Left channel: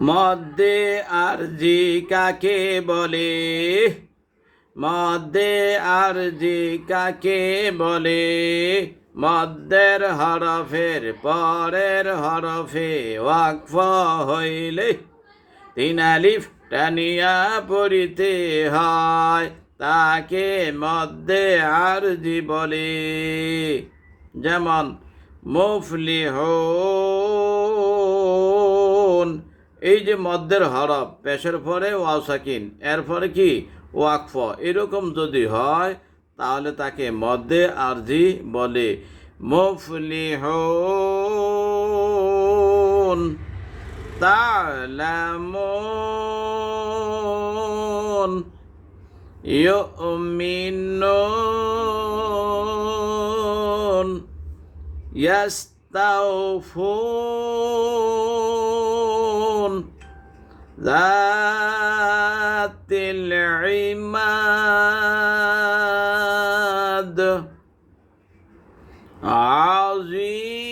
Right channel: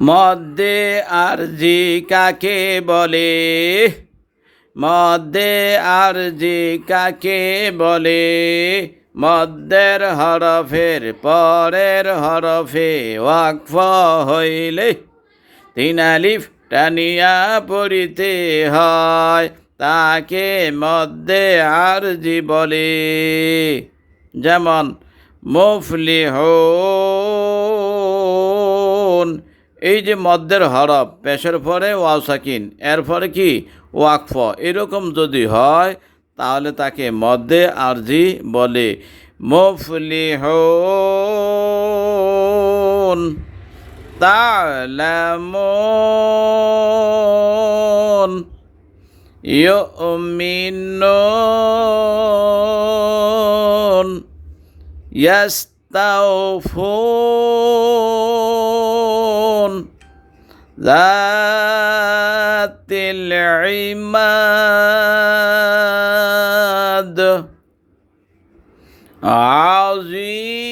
মদ্দে আরজি কাকে বলে? মদ্দে আরজি কাকে বলে? মদ্দের হরফের পরের হরফে ওয়াকফ হইলে তিন আলিফ টানিয়া পড়িতে হয়, তাকে মদ্দে আরজি বলে। যেমন মুফলিহুন, এই যে মদ্দের হরফ, পেশের পরে ওয়াও সাকিন, এরপরে কি ওয়াকফ, এরকম যদি হয় তাহলে তাকে মদ্দে আরজি বলে। মুফলিহুন। তা'লামুন, ইউমিনুন, ইয়াস্তাউফুন, যাতিল ইমাদ, আজিম।